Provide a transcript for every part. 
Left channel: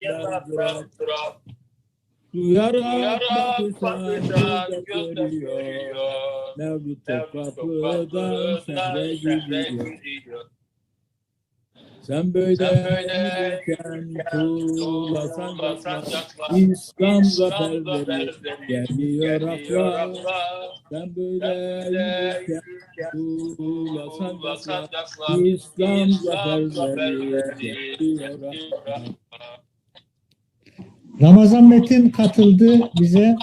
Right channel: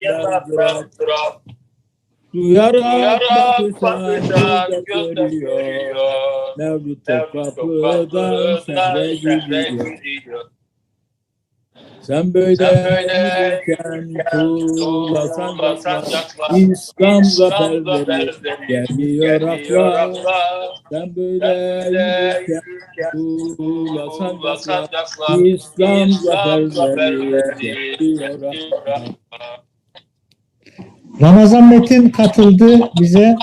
yataktan duran Duyarak Yarak bakışan bakışan göz göz görüyor görüyor. Mevlüt Mevlüt kapıdan sehre gidiyor. Sen böyle Sen böyle giderken tuğlasan. İslam zaferleri geliyor akla. Sen böyle Böyle yürürken tuğlasan. İslam zaferleri akla akla. Ramazan Metin katıldı bize.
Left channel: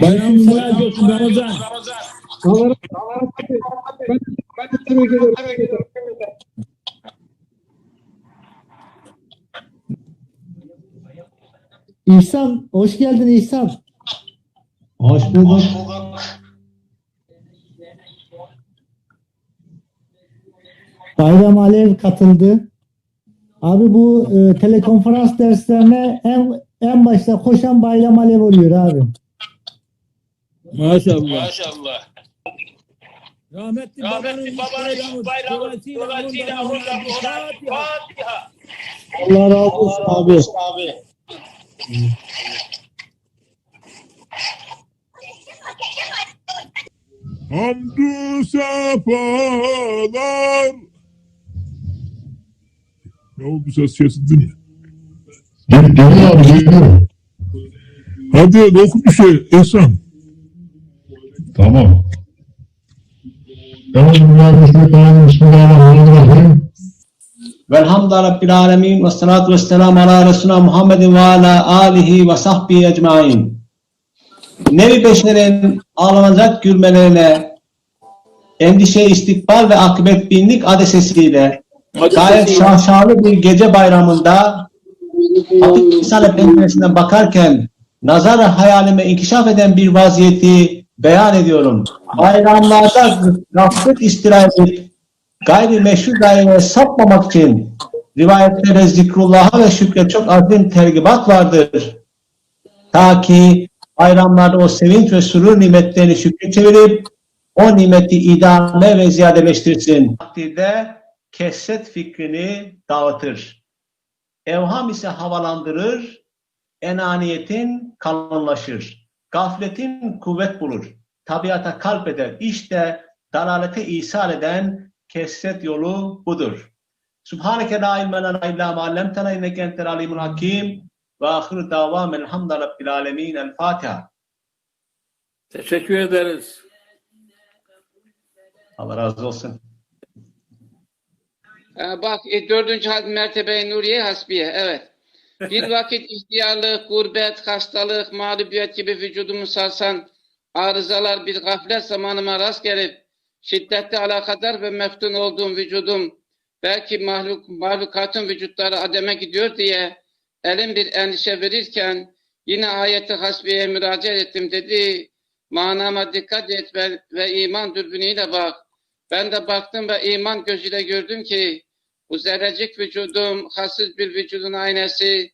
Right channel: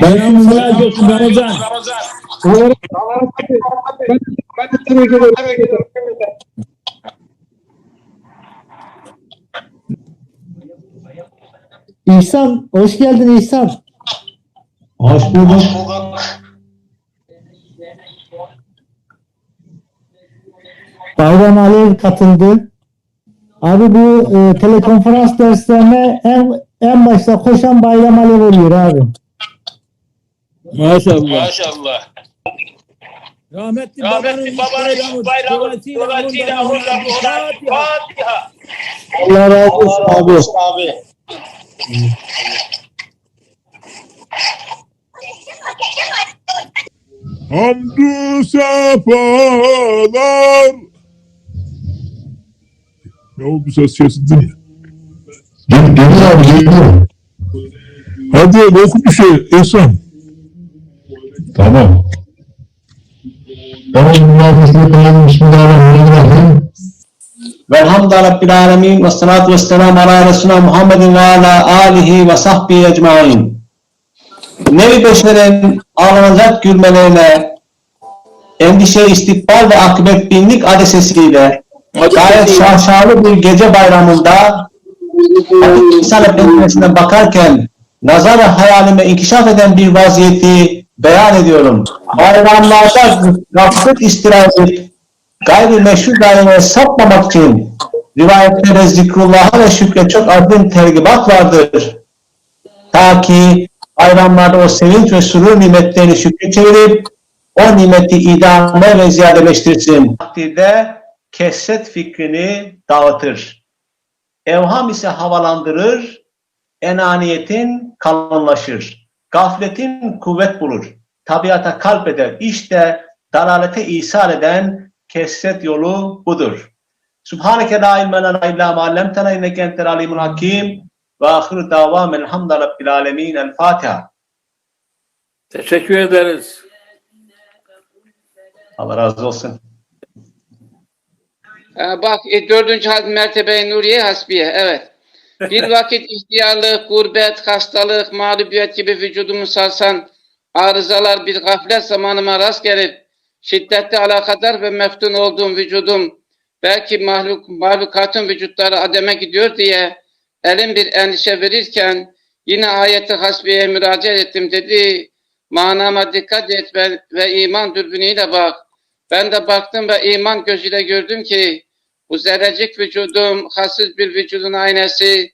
Bayram mübarek olsun Ramazan. İhsan, hoş geldin İhsan. Hoş bulduk. Bayram Alev katıldı. Abi bu e, telekonferans derslerine en, en başta koşan Bayram Alev oluyor abi. Maşallah. Maşallah. Rahmetli Rahmetli babanın bayramı dolayısıyla. Fatiha. Allah razı olsun abi. abi. Hamdü sefalar. Ne oldu ses kesildi ya. Gel, geliyor abi geliyor. Hadi oku bir şey Ehsan. Tamam. Bismillahirrahmanirrahim. Bismillahirrahmanirrahim. Velhamdülillah Rabbil Alemin ve salatu ve selamu ala Resulina Muhammedin ve ala alihi ve sahbihi ecmain. Nevi beşerin ağlanacak gülmelerine, endişe, istikbal ve akıbet binlik adesesiyle gayet şahşalı bir gece bayramında İsa Efendimiz'e bakarken nazar hayalime inkişaf eden bir vaziyeti beyan ediyorum. Bayramlarda gaflet istirahat gayri meşru daireye sapmamak için rivayetlere zikrullah'a ve şükre çok azim tergibat vardır. Ta ki bayramlarda o sevinç ve surur nimetlerini şükre çevirip o nimeti idame ve ziyadeleştirsin. Takdirde kesret fikrini dağıtır. Evham ise havalandırır, enaniyetin kalınlaşır. Gafletin kuvvet bulur. Tabiata kalp eder. İşte dalalete ishal eden kesret yolu budur. Subhaneke la ilme lena illa ma allamtena inneke entel alimul hakim ve ahir davamen elhamdülillahi rabbil alemin. El Fatiha. Teşekkür ederiz. Allah razı olsun. Ha, bak e, dördüncü had mertebe Nuriye Hasbiye evet. Bir vakit ihtiyarlık, gurbet, hastalık, mağlubiyet gibi vücudumu sarsan arızalar bir gaflet zamanıma rast gelip şiddetli alakadar ve meftun olduğum vücudum belki mahluk, mahlukatın vücutları ademe gidiyor diye elim bir endişe verirken yine ayeti hasbiye müracaat ettim dedi. Manama dikkat et ve, ve iman dürbünüyle bak. Ben de baktım ve iman gözüyle gördüm ki bu zerrecik vücudum hassiz bir vücudun aynası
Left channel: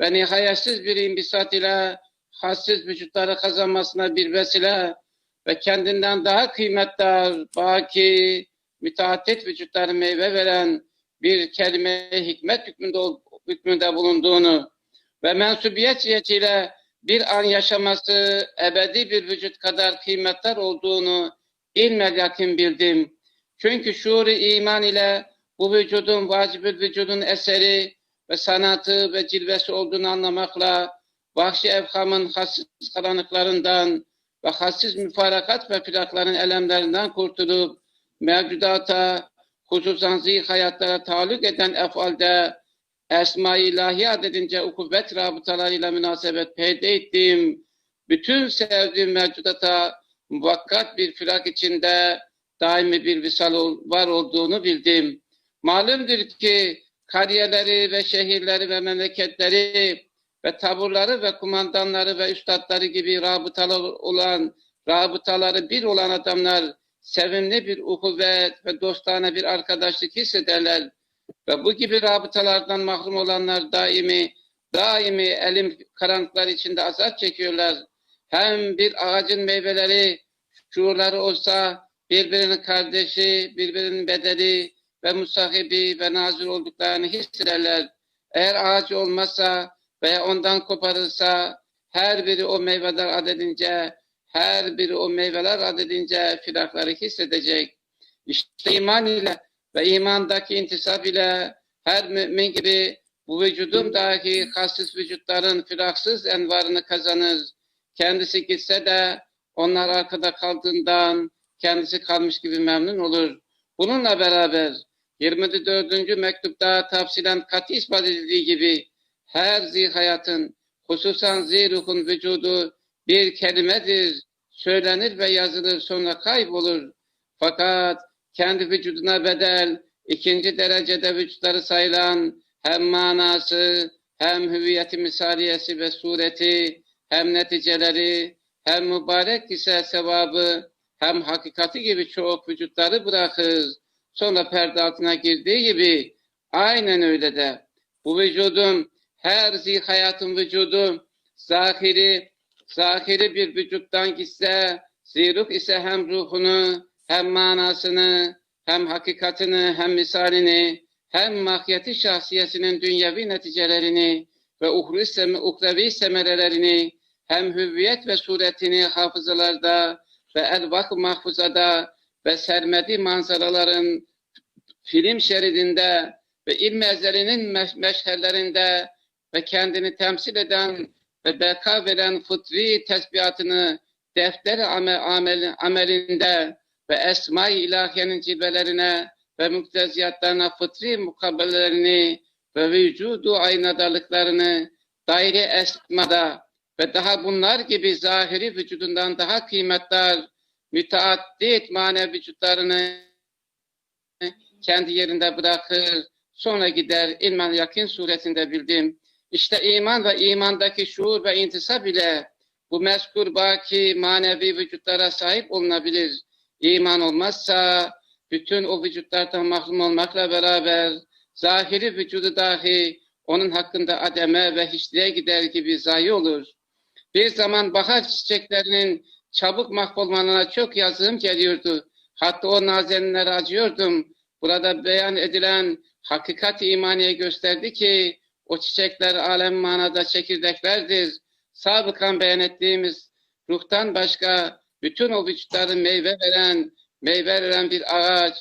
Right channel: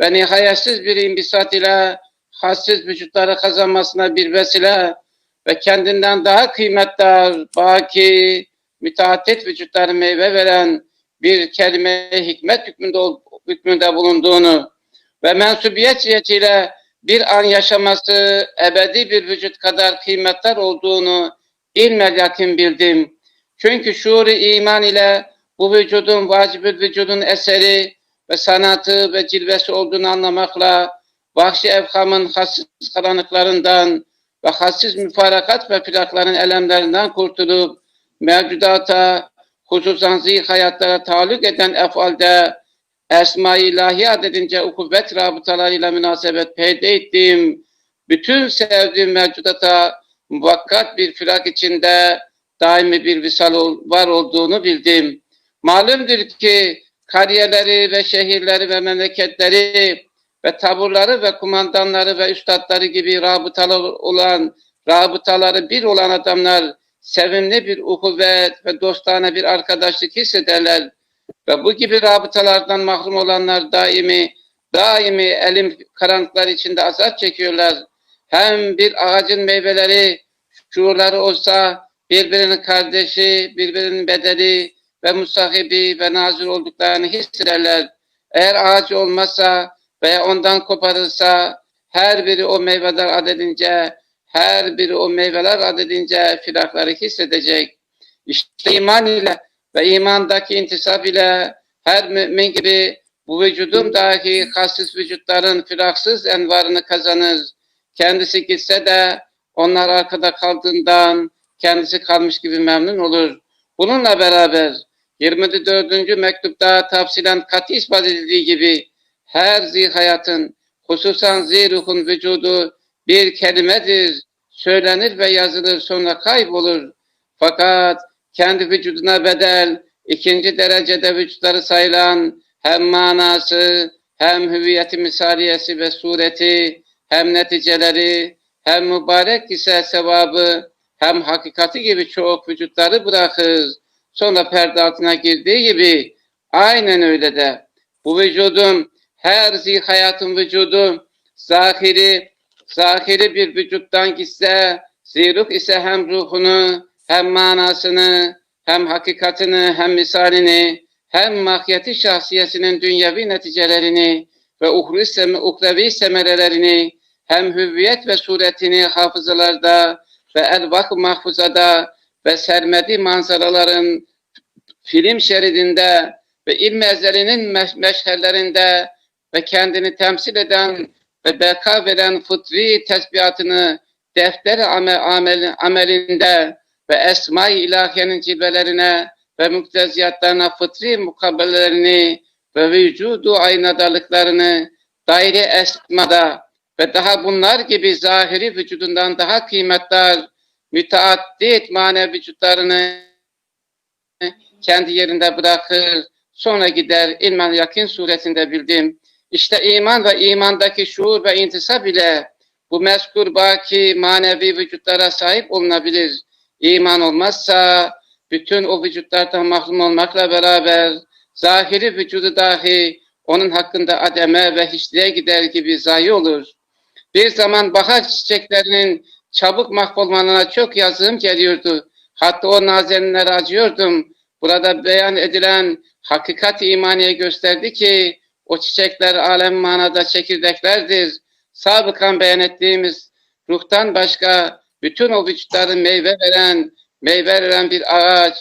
ve nihayetsiz bir imbisat ile hassiz vücutları kazanmasına bir vesile ve kendinden daha kıymetli, baki, müteaddit vücutları meyve veren bir kelime hikmet hükmünde, hükmünde bulunduğunu ve mensubiyet cihetiyle bir an yaşaması ebedi bir vücut kadar kıymetler olduğunu ilmel yakin bildim. Çünkü şuuru iman ile bu vücudun vacibül vücudun eseri ve sanatı ve cilvesi olduğunu anlamakla vahşi evhamın hassiz karanlıklarından ve hassiz müfarakat ve firakların elemlerinden kurtulup mevcudata hususan zih hayatlara taluk eden efalde Esma-i ilahi adedince ukubet rabıtalarıyla münasebet peyda ettiğim bütün sevdiğim mevcudata muvakkat bir firak içinde daimi bir visal var olduğunu bildim. Malumdur ki kariyeleri ve şehirleri ve memleketleri ve taburları ve kumandanları ve üstadları gibi rabıtalı olan rabıtaları bir olan adamlar sevimli bir ukuvvet ve dostane bir arkadaşlık hissederler. Ve bu gibi rabıtalardan mahrum olanlar daimi, daimi elim karanlıklar içinde azap çekiyorlar. Hem bir ağacın meyveleri, şuurları olsa birbirinin kardeşi, birbirinin bedeli ve musahibi ve nazır olduklarını hissederler. Eğer ağacı olmazsa veya ondan koparılsa her biri o meyveler adedince, her biri o meyveler adedince firakları hissedecek. İşte iman ile ve imandaki intisap ile her mümin gibi bu vücudun dahi hassiz vücutların firaksız envarını kazanır. Kendisi gitse de onlar arkada kaldığından kendisi kalmış gibi memnun olur. Bununla beraber 24. mektupta tafsilen katı ispat edildiği gibi her zihayatın hususan ziruhun vücudu bir kelimedir. Söylenir ve yazılır sonra kaybolur. Fakat kendi vücuduna bedel ikinci derecede vücutları sayılan hem manası hem hüviyeti misaliyesi ve sureti hem neticeleri hem mübarek ise sevabı hem hakikati gibi çok vücutları bırakır. Sonra perde altına girdiği gibi aynen öyle de bu vücudun her zihayatın vücudu zahiri zahiri bir vücuttan gitse ziruk ise hem ruhunu hem manasını hem hakikatini hem misalini hem mahiyeti şahsiyesinin dünyevi neticelerini ve uhrevi, sem semerelerini hem hüviyet ve suretini hafızalarda ve elvak mahfuzada ve sermedi manzaraların film şeridinde ve ilm ezelinin meş meşherlerinde ve kendini temsil eden ve beka veren fıtri tesbihatını defteri amel, amel, amelinde ve esma-i ilahiyenin cilvelerine ve mukteziyatlarına fıtri mukabelelerini ve vücudu aynadalıklarını daire esmada ve daha bunlar gibi zahiri vücudundan daha kıymetli müteaddit manevi vücutlarını kendi yerinde bırakır, sonra gider ilmen yakin suretinde bildim. İşte iman ve imandaki şuur ve intisap ile bu mezkur baki manevi vücutlara sahip olunabilir. İman olmazsa bütün o vücutlardan mahrum olmakla beraber zahiri vücudu dahi onun hakkında ademe ve hiçliğe gider gibi zayi olur. Bir zaman bahar çiçeklerinin çabuk mahvolmalarına çok yazığım geliyordu. Hatta o nazenlere acıyordum. Burada beyan edilen hakikat imaniye gösterdi ki o çiçekler alem manada çekirdeklerdir. Sabıkan beyan ettiğimiz ruhtan başka bütün o vücutları meyve veren, meyve veren bir ağaç,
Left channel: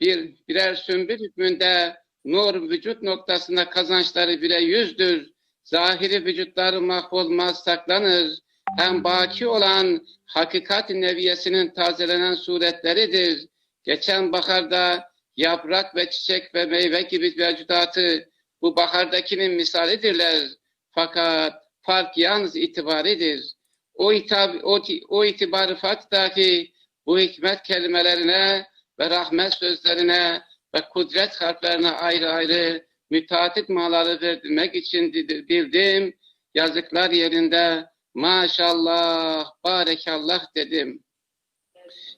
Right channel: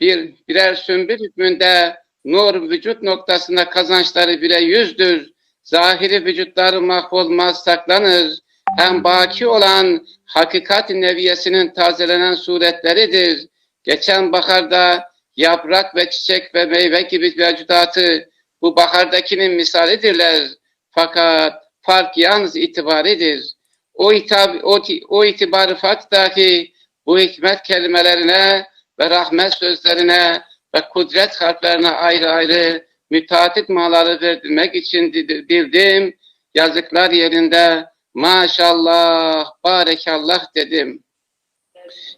bir birer sümbül hükmünde nur vücut noktasında kazançları bile yüzdür. Zahiri vücutları mahvolmaz saklanır. Hem baki olan hakikat neviyesinin tazelenen suretleridir. Geçen baharda yaprak ve çiçek ve meyve gibi mevcudatı bu bahardakinin misalidirler. Fakat fark yalnız itibaridir. O, itab, o, o itibarı fark dahi bu hikmet kelimelerine ve rahmet sözlerine ve kudret harflerine ayrı ayrı müteatit manaları verdirmek için bildim. Yazıklar yerinde maşallah, barekallah dedim.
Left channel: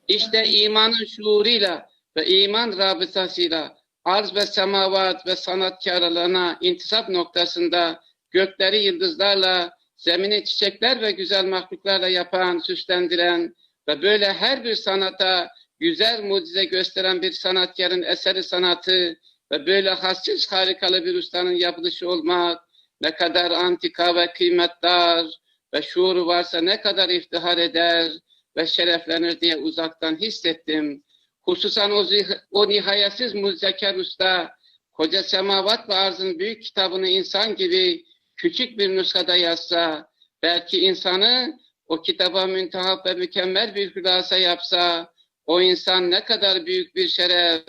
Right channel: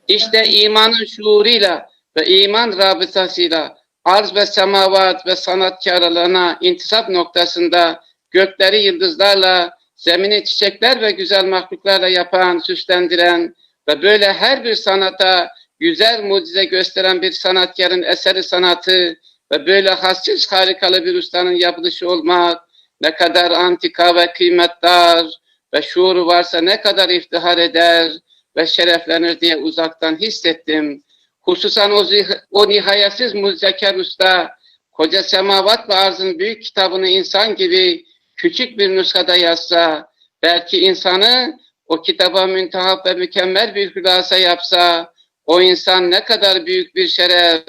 İşte imanın şuuruyla ve iman rabıtasıyla arz ve semavat ve sanatkarlarına intisap noktasında gökleri yıldızlarla, zemini çiçekler ve güzel mahluklarla yapan, süslendiren ve böyle her bir sanata güzel mucize gösteren bir sanatkarın eseri sanatı ve böyle hassiz harikalı bir ustanın yapılışı olmak ne kadar antika ve kıymetdar ve şuuru varsa ne kadar iftihar eder ve şereflenir diye uzaktan hissettim. Hususan o, o nihayetsiz muzeker usta koca semavat ve arzın büyük kitabını insan gibi küçük bir nuskada yazsa, belki insanı o kitaba müntehap ve mükemmel bir hülasa yapsa, o insan ne kadar büyük bir şeref,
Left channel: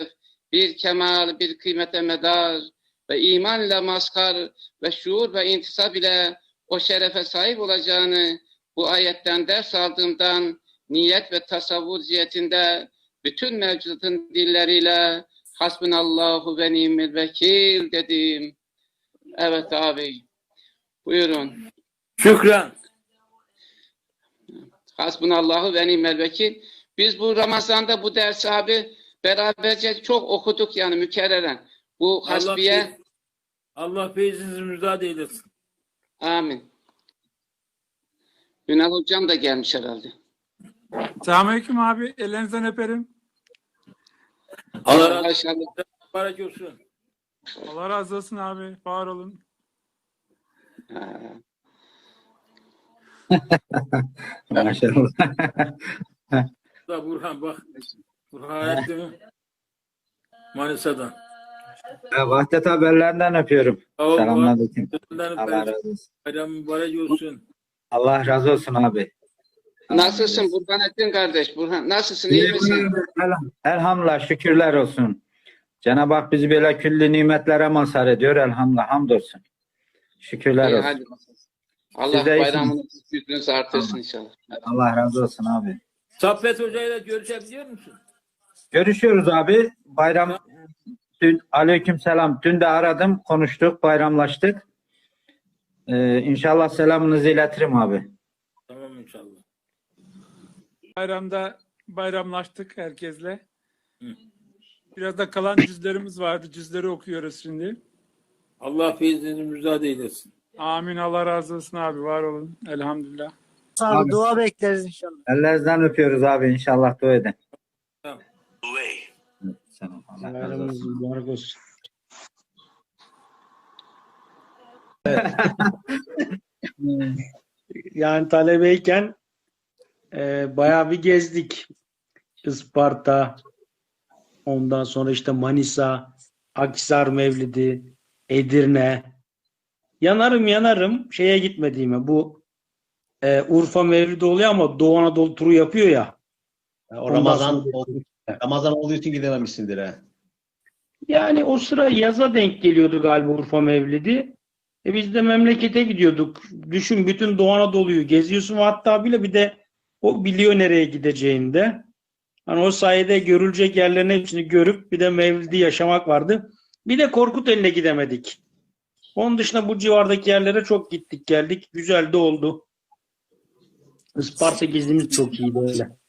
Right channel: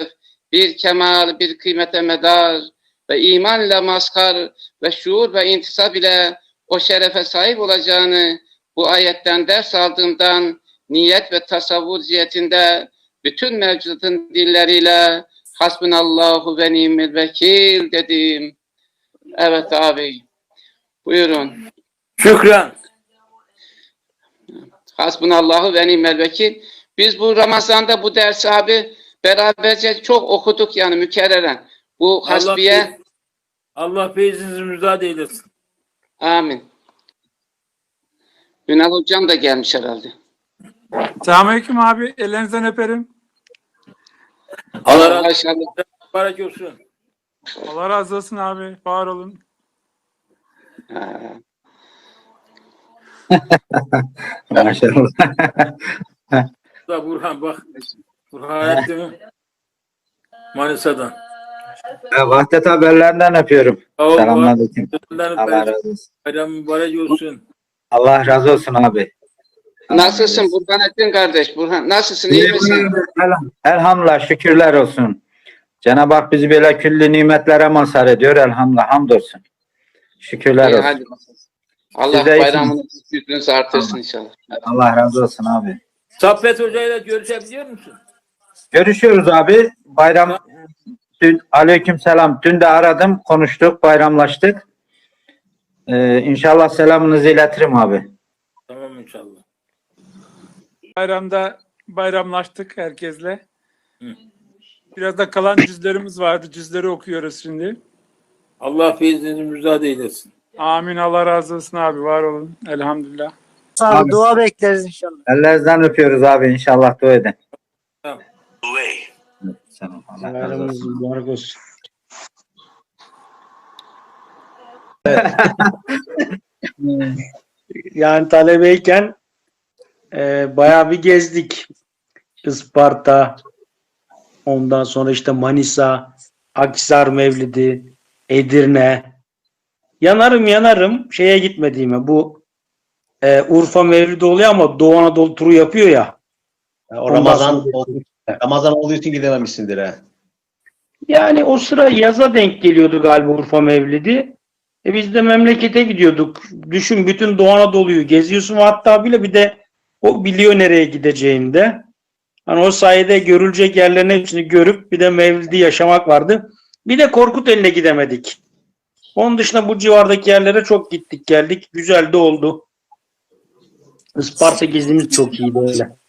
bir kemal, bir kıymete medar ve iman ile mazhar ve şuur ve intisap ile o şerefe sahip olacağını bu ayetten ders aldığımdan niyet ve tasavvur cihetinde bütün mevcudun dilleriyle hasbunallahu ve ni'mel vekil dedim. Evet abi. Buyurun. Şükran. Hasbunallahu ve ni'mel vekil. Biz bu Ramazan'da bu dersi abi beraberce çok okuduk yani mükerreren. Bu Allah, hasbiye fe- Allah feyzinizi müzade eylesin. Amin. Ünal hocam da gelmiş herhalde. Selamünaleyküm abi. Ellerinizden öperim. Allah razı olsun. Mübarek olsun. Allah razı olsun abi. Var olun. Maşallah. Burhan bak. Burhan etti mi? Manisa'dan. Ya, Vahdet haberlerinden öpüyorum. Ol. Selamünaleyküm. Burhan. Allah razı olsun. Bayram mübarek olsun. Allah razı olsun abi. Nasılsın Burhanettin kardeş? Burhan nasılsın? İyi misin? Elham- Elhamdülillah şükürler olsun. Cenab-ı Hak bizi böyle küllü nimetlere mazhar ediyor. Elhamdülillah hamdolsun. Şükürler İyi, olsun. hadi. Allah Siz de bayramını büyüklüğünüzü artırsın inşallah. Allah razı olsun abi. Saffet Hoca ile görüşebiliyor musun? Görüşüyoruz abi. Bayram dün aleyküm selam. Dün de aradım. Konuştuk. Bayramlaştık. Ee, inşallah selamınızı iletirim abi. Tamam inşallah. Bayramda bayramlaştık herkesle. Hı. Biraz da kalan cüzlerimiz vardı. Cüzleri okuyoruz şimdi. Allah feyzinizi müjdat eylesin. Amin. Allah razı olsun abi. Var olun. Elhamdülillah. Abi, dua bekleriz inşallah. Ellerinizden öpüyoruz abi. İnşallah dua edin. Tamam. Selam. Allah razı olsun. mübarek olsun. yani talebeyken e, bayağı bir gezdik. Isparta, ondan sonra işte Manisa, Akhisar Mevlidi, Edirne. Yanarım yanarım şeye gitmediğime bu e, Urfa Mevlidi oluyor ama Doğu Anadolu turu yapıyor ya. O Ramazan, sonra- oldu- Ramazan olduğu için gidememişsindir ha. Yani o sıra yaza denk geliyordu galiba Urfa Mevlidi. E biz de memlekete gidiyorduk. Düşün bütün Doğu Anadolu'yu geziyorsun hatta bile bir de o biliyor nereye gideceğini de. Hani o sayede görülecek yerlerin hepsini görüp bir de Mevlidi yaşamak vardı. Bir de Korkuteli'ne gidemedik. Onun dışında bu civardaki yerlere çok gittik geldik. Güzel de oldu. Isparta gezimiz çok iyiydi öyle.